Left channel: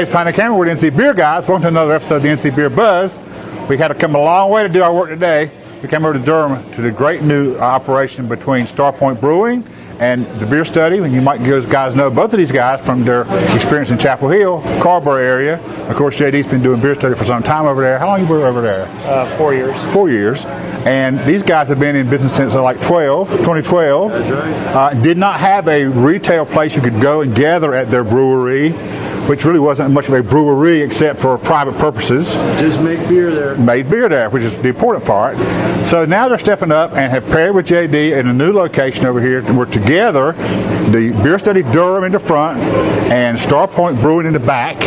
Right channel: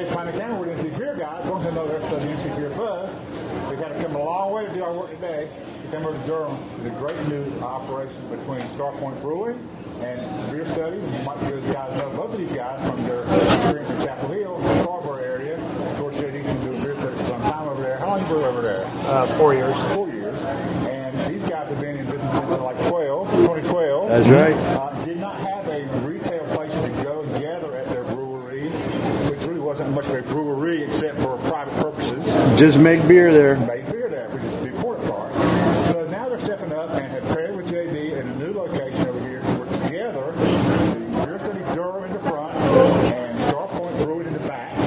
Dave's Pioneer Camera with NC Beer Guys. Welcome to another episode of the NC Beer Buzz. We had to come a long way to do our work today. We came over to Durham to the great new operation between Starpoint Brewing and the Beer Study. And you might guys know both of these guys from their experience in Chapel Hill, Carrboro area. Of course, JD's been doing Beer Study for some time over there. How long have you been over there? 4 years. 4 years. And these guys have been in business since like 2012. That's right. Did not have a retail place you could go and gather at their brewery, which really wasn't much of a brewery except for private purposes. Just make beer there. Made beer there, which is the important part. So now they're stepping up and have paired with JD in a new location over here. We're together, the Beer Study Durham in the front and Starpoint Brewing in the back.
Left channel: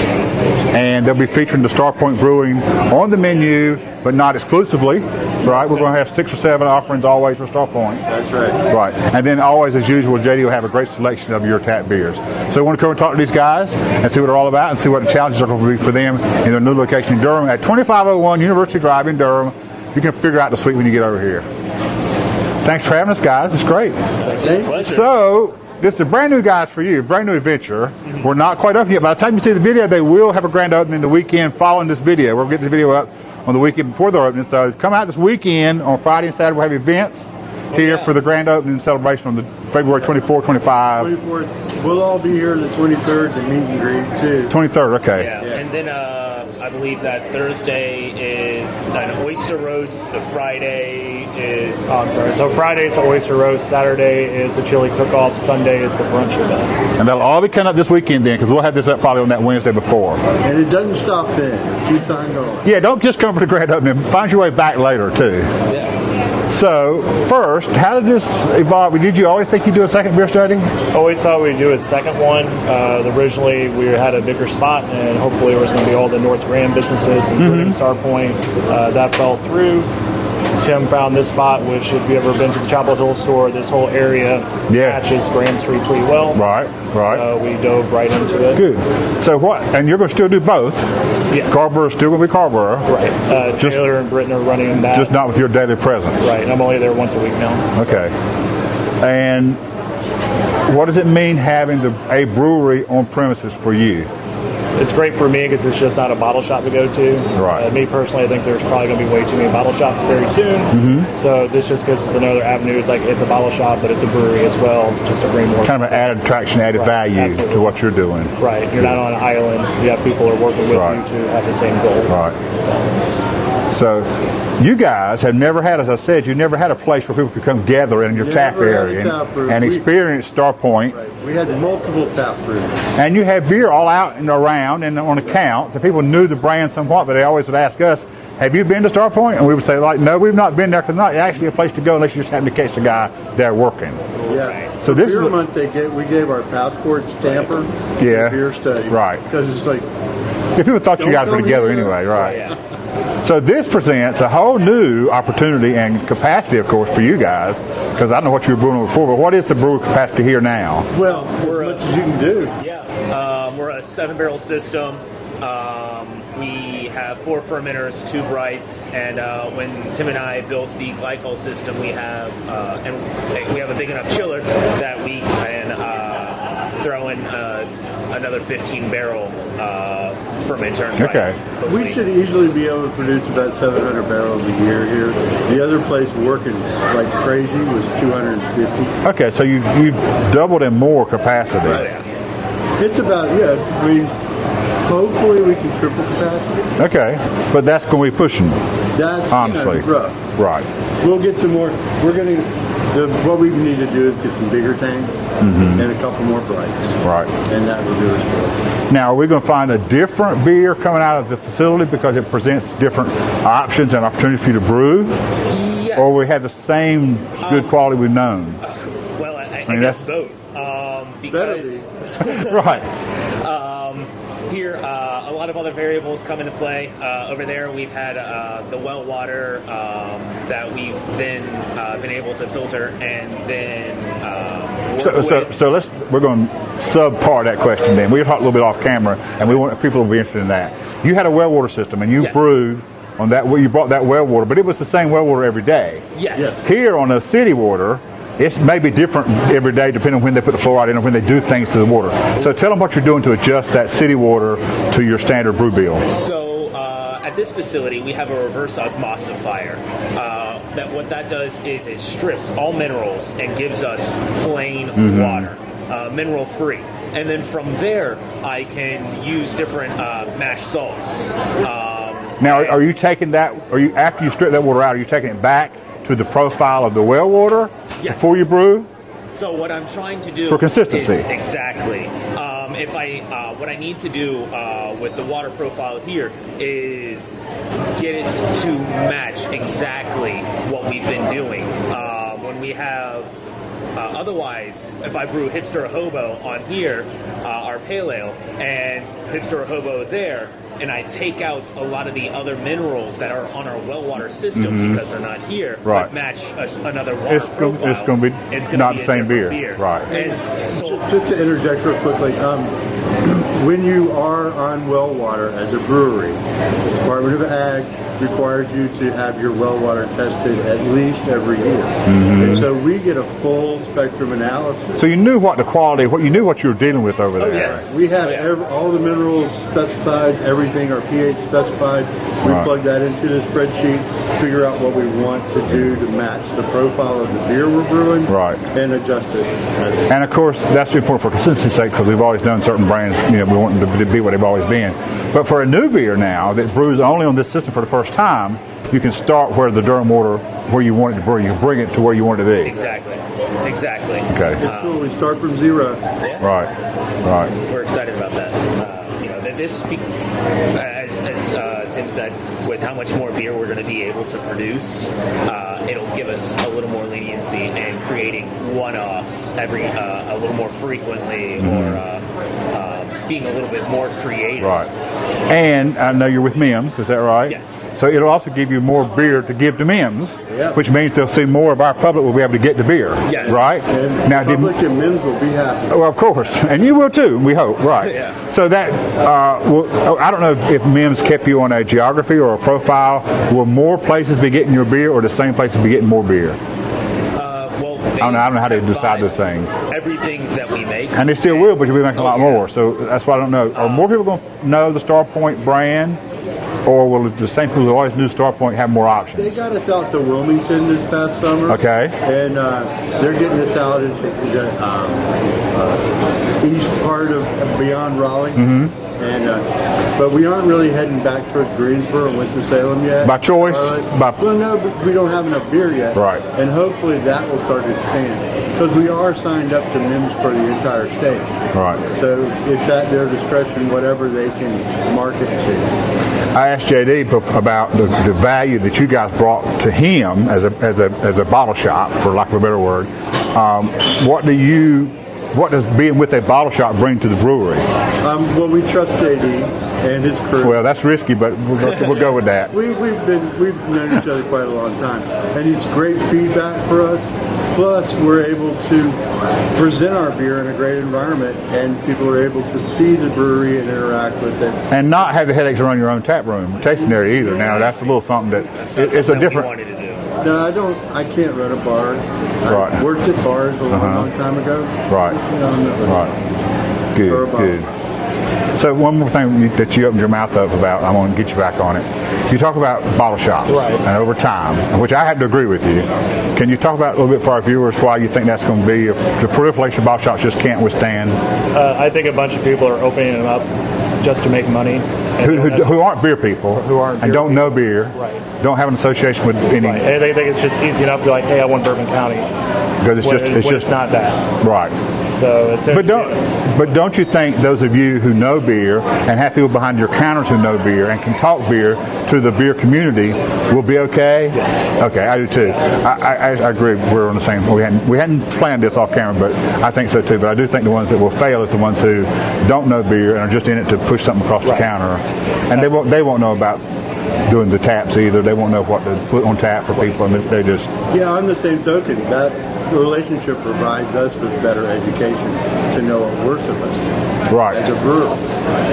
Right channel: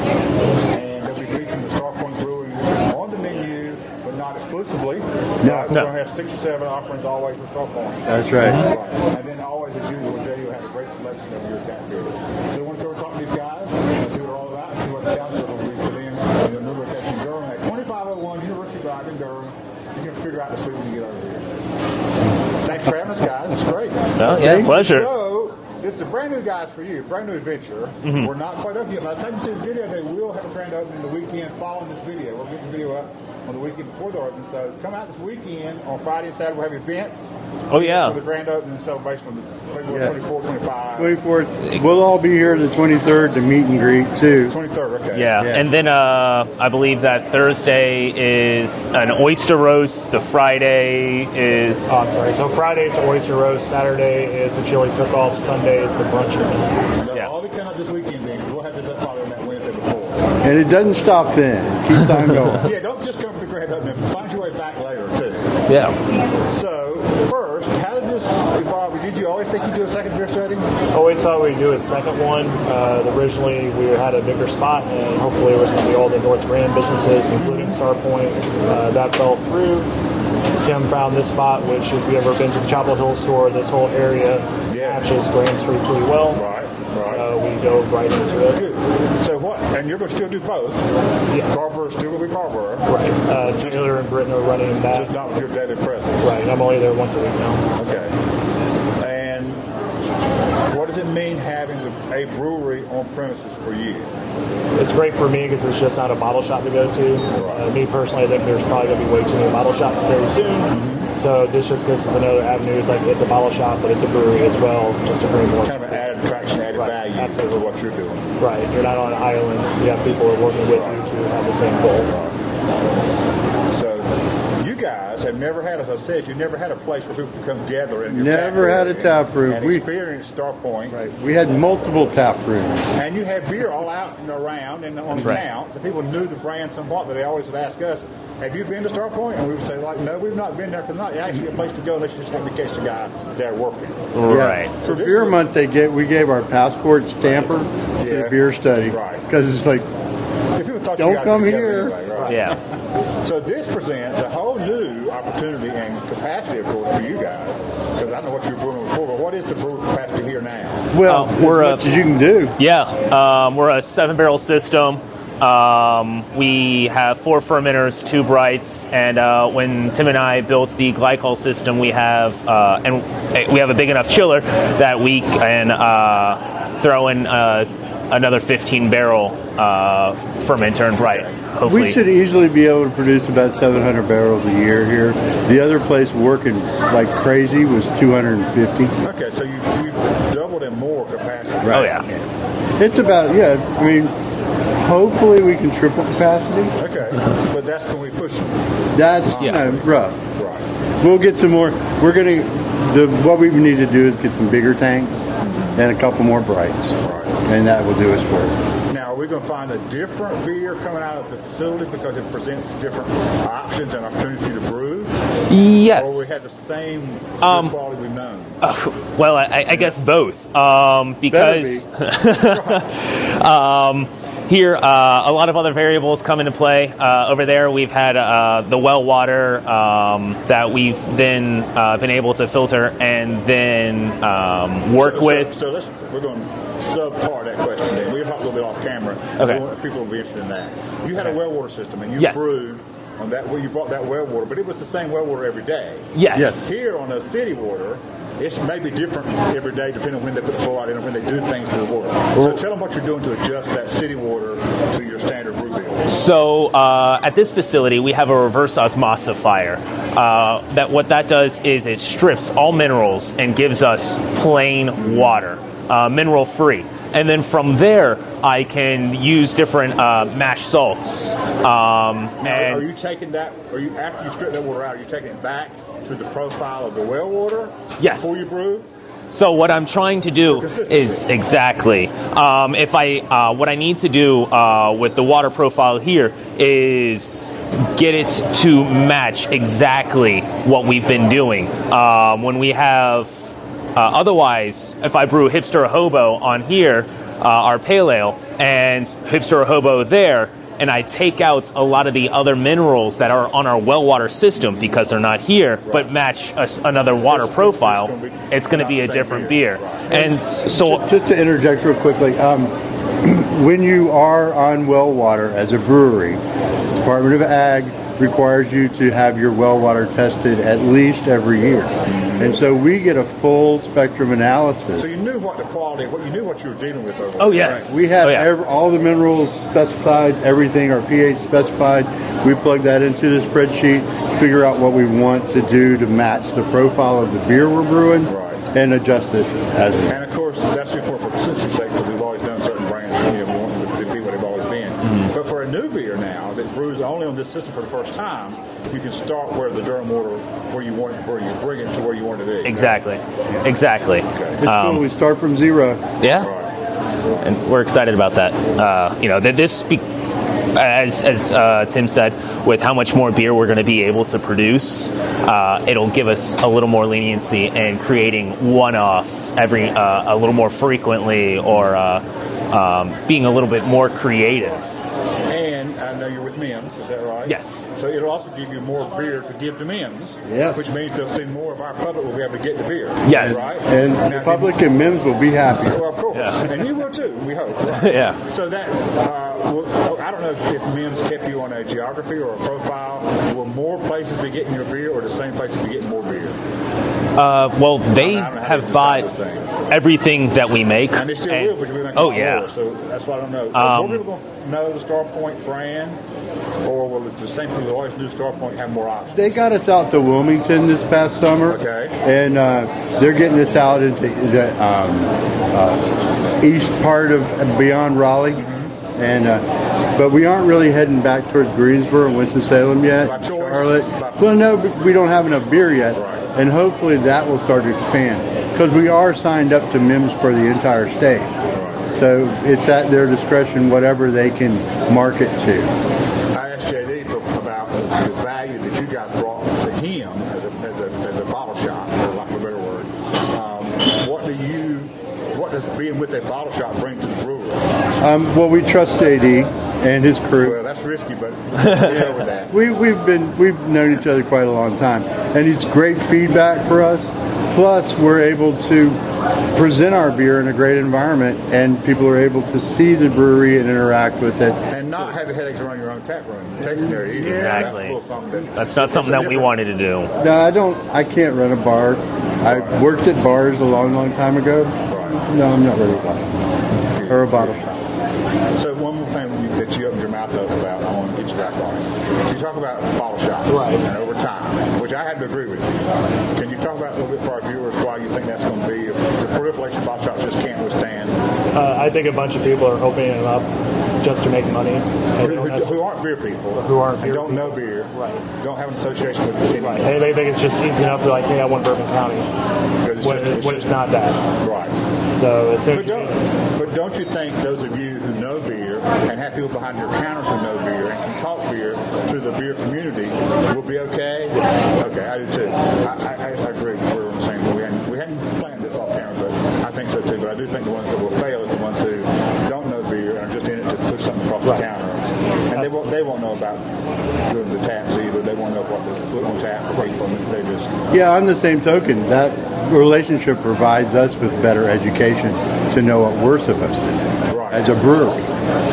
And they'll be featuring the Starpoint Brewing on the menu, but not exclusively, right? We're going to have 6 or 7 offerings always for Starpoint. That's right. Right. And then always, as usual, JD will have a great selection of your tap beers. So we want to come and talk to these guys and see what they're all about and see what the challenges are going to be for them in their new location in Durham at 2501 University Drive in Durham. You can figure out the suite when you get over here. Thanks for having us, guys. It's great. Yeah, pleasure. So, this is a brand new guys for you, brand new adventure. We're not quite up yet. By the time you see the video, they will have a grand opening the weekend following this video. We'll get the video up on the weekend before their opening. So come out this weekend on Friday and Saturday. We'll have events here for the grand opening celebration on the February 24th, 25. 24th. We'll all be here the 23rd to meet and greet too. 23rd, okay. Yeah, and then I believe that Thursday is an oyster roast. The Friday is... Oh, I'm sorry. So Friday's the oyster roast. Saturday is the chili cook-off. Sunday is the brunch event. And that'll all be coming up this weekend then, because we'll have this up probably on that Wednesday before. And it doesn't stop then. It keeps on going. Yeah, don't just come for the grand opening. Find your way back later too. Yeah. So first, how did this evolve? Did you always think you'd do a second beer study? Always thought we'd do a second one. Originally, we had a bigger spot, and hopefully it was going to be all the North Grand businesses, including Starpoint. That fell through. Tim found this spot, which if you've ever been to the Chapel Hill store, this whole area matches Grand Street pretty well. Right. So we dove right into it. Good. So what? And you're going to still do both? Yes. Carrboro's still going to be Carrboro. Right. Taylor and Britton are running that. Just not with your daily presence. Right. I'm only there once a week now. Okay. And what does it mean having a brewery on premises for you? It's great for me because it's just not a bottle shop to go to. Right. Me personally, I think there's probably going to be way too many bottle shops very soon. So this just gives us another avenue. It's like it's a bottle shop, but it's a brewery as well, just to bring more. Kind of an added attraction, added value to what you're doing. Right. You're not on an island. You have people who are working with you to have the same goal. Right. So you guys have never had, as I said, you never had a place where people could come gather in your tap area and experience Starpoint. Right. We had multiple tap rooms. And you had beer all out and around and on account, so people knew the brand somewhat, but they always would ask us, have you been to Starpoint? And we would say, like, no, we've not been there, because not actually a place to go unless you just happen to catch the guy there working. Right. So this beer month, we gave our passport stamper to the Beer Study. Right. Because it's like, people thought you guys were together anyway, right? Yeah. So this presents a whole new opportunity and capacity, of course, for you guys, because I don't know what you were brewing before, but what is the brewer capacity here now? Well, as much as you can do. Yeah, we're a 7-barrel system. We have 4 fermenters, 2 brights, and when Tim and I built the glycol system, we have a big enough chiller that we can throw in another 15-barrel fermenter and bright. Hopefully. We should easily be able to produce about 700 barrels a year here. The other place working like crazy was 250. Okay, so you doubled in more capacity. Oh yeah. It's about I mean, hopefully we can triple capacity. Okay, but that's going to be pushing. That's honestly rough. Right. We'll get some more. We're going to. What we need to do is get some bigger tanks and a couple more brights. Right. And that will do us for it. Now, are we going to find a different beer coming out of the facility because it presents different options and opportunities for you to brew? Yes. Or we have the same good quality we've known? Well, I guess both. Because here, a lot of other variables come into play. Over there, we've had the well water that we've then been able to filter and then work with. So we're going to subpart that question then. We'll talk a little bit off camera, and we want people to be interested in that. You had a well water system, and you brewed on that. You brought that well water, but it was the same well water every day. Yes. Here on the city water, it's maybe different every day depending on when they put the fluoride in or when they do things to the water. So tell them what you're doing to adjust that city water to your standard brew bill. So at this facility, we have a reverse osmosifier. What that does is it strips all minerals and gives us plain water, mineral free. And then from there, I can use different mash salts. Now, are you taking that? After you strip that water out, are you taking it back to the profile of the well water before you brew? So what I'm trying to do for consistency is exactly. What I need to do with the water profile here is get it to match exactly what we've been doing. When we have. Otherwise, if I brew Hipster Hobo on here, our pale ale, and Hipster Hobo there, and I take out a lot of the other minerals that are on our well water system because they're not here, but match another water profile, it's going to be a different beer. Right. And so, just to interject real quickly, when you are on well water as a brewery, Department of Ag requires you to have your well water tested at least every year. And so we get a full spectrum analysis. So you knew what the quality, you knew what you were dealing with over there. Oh, yes. We have all the minerals specified, everything, our pH specified. We plug that into the spreadsheet, figure out what we want to do to match the profile of the beer we're brewing, and adjust it. And of course, that's important for consistency's sake because we've always done certain brands, we want them to be what they've always been. But for a new beer now that brews only on this system for the first time, you can start where the Durham water, where you want it to brew. You bring it to where you want it to be. Exactly. Okay. It's cool. We start from zero. Yeah. Right. And we're excited about that. As Tim said, with how much more beer we're going to be able to produce, it'll give us a little more leniency in creating one-offs a little more frequently, or being a little bit more creative. Right. And I know you're with MIMS, is that right? Yes. So it'll also give you more beer to give to MIMS, which means they'll see more of our public will be able to get the beer. Yes. Right? And now, the public and MIMS will be happy. Well, of course. And you will too, we hope. Right. Yeah. So that, I don't know if MIMS kept you on a geography or a profile. Will more places be getting your beer or the same places be getting more beer? Well, they I don't know how they have decide bought those things. Everything that we make. And they still will, but you'll be making a lot more. So that's why I don't know. Are more people going to know the Starpoint brand? Or will the same people who always knew Starpoint have more options? They got us out to Wilmington this past summer. Okay. And they're getting us out into the east part of beyond Raleigh. And but we aren't really heading back towards Greensboro and Winston-Salem yet. By choice? Well, no, we don't have enough beer yet. Right. And hopefully that will start to expand. Because we are signed up to MIMS for the entire state. Right. So it's at their discretion, whatever they can market to. I asked JD about the value that you guys brought to him as a bottle shop, for lack of a better word. What does being with a bottle shop bring to the brewery? Well, we trust JD and his crew. Well, that's risky, but we'll go with that. We've known each other quite a long time, and it's great feedback for us. Plus, we're able to present our beer in a great environment, and people are able to see the brewery and interact with it. And not have the headaches around your own tap room, tasting area either. Exactly. Now, that's a little something that's not something that we wanted to do. No, I can't run a bar. I worked at bars a long time ago. Right. No, I'm not really. Good. Or a bottle shop. So one more thing that you opened your mouth up about, I want to get you back on it. You talk about bottle shops, and over time, which I have to agree with you. Can you talk about a little bit for our viewers why you think that's going to be, if the proliferation of bottle shops just can't withstand? I think a bunch of people are opening them up just to make money. Who aren't beer people, and don't know beer, don't have an association with any. Right. And they think it's just easy enough to be like, hey, I want Bourbon County. Because it's not that. Right. So but don't you think those of you who know beer and have people behind your counters who know beer and can talk beer to the beer community will be okay? Yes. Okay, I do too. I agree. We're on the same. We hadn't planned this off camera, but I think so too. But I do think the ones that will fail is the ones who don't know beer and are just in it to push something across the counter, and they won't know about doing the taps either. They won't know what to put on tap for people, and they just. Yeah, on the same token, that relationship provides us with better education to know what we're supposed to do. Right. as a brewer.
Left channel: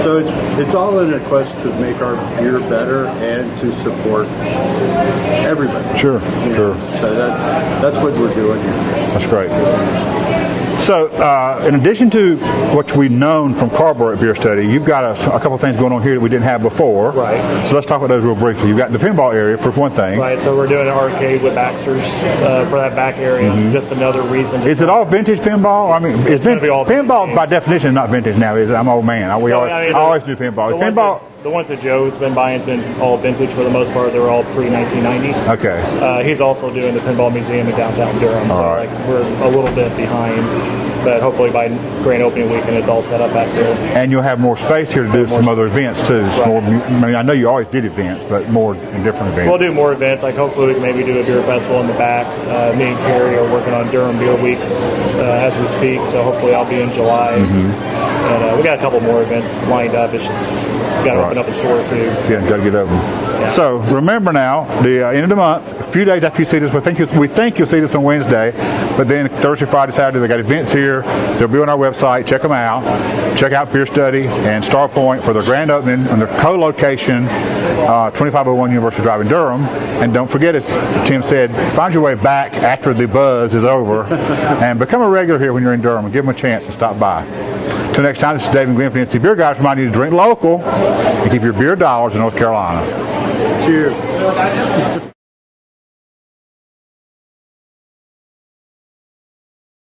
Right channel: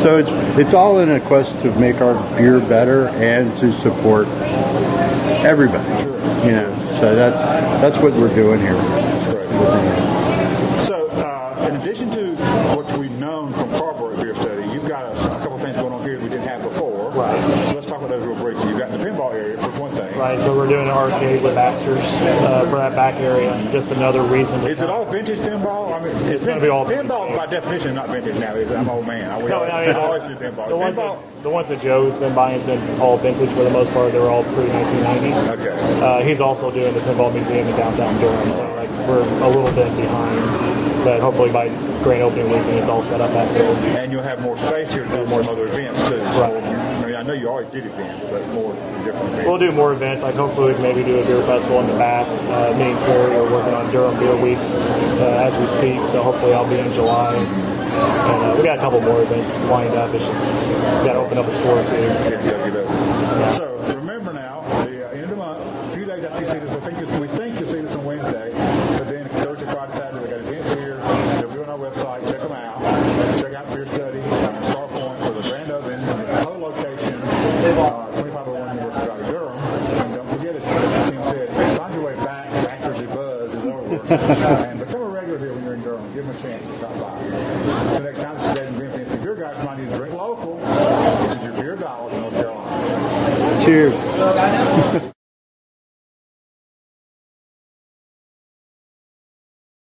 So it's all in a quest to make our beer better and to support everybody. Sure. You know, so that's what we're doing here. That's great. So, in addition to what we've known from Carrboro Beer Study, you've got a couple of things going on here that we didn't have before. Right. So let's talk about those real briefly. You've got the pinball area for one thing. Right, so we're doing an arcade with Baxter's for that back area. Just another reason. Is it all vintage pinball? I mean, It's going to be all pinball vintage by games. definition not vintage now, is it? I'm an old man. I always do pinball. The ones that Joe's been buying has been all vintage for the most part. They were all pre-1990. Okay. He's also doing the Pinball Museum in downtown Durham, so right. like, we're a little bit behind. But hopefully by grand opening weekend, it's all set up back there. And you'll have more space here to do some other events too. Right. I mean, I know you always did events, but more different events. We'll do more events. Like hopefully we can maybe do a beer festival in the back. Me and Carrie are working on Durham Beer Week as we speak. So hopefully I'll be in July. And we got a couple more events lined up. It's just got to open up a store too. Yeah, got to get open. Yeah. So remember now, the end of the month, a few days after you see this, we think you'll see this on Wednesday, but then Thursday, Friday, Saturday, they got events here. They'll be on our website. Check them out. Check out Beer Study and Starpoint for their grand opening on their co-location, 2501 University Drive in Durham. And don't forget, as Tim said, find your way back after the buzz is over and become a regular here when you're in Durham and give them a chance to stop by. Till next time, this is Dave and Glenn from NC Beer Guys reminding you to drink local and keep your beer dollars in North Carolina. Cheers.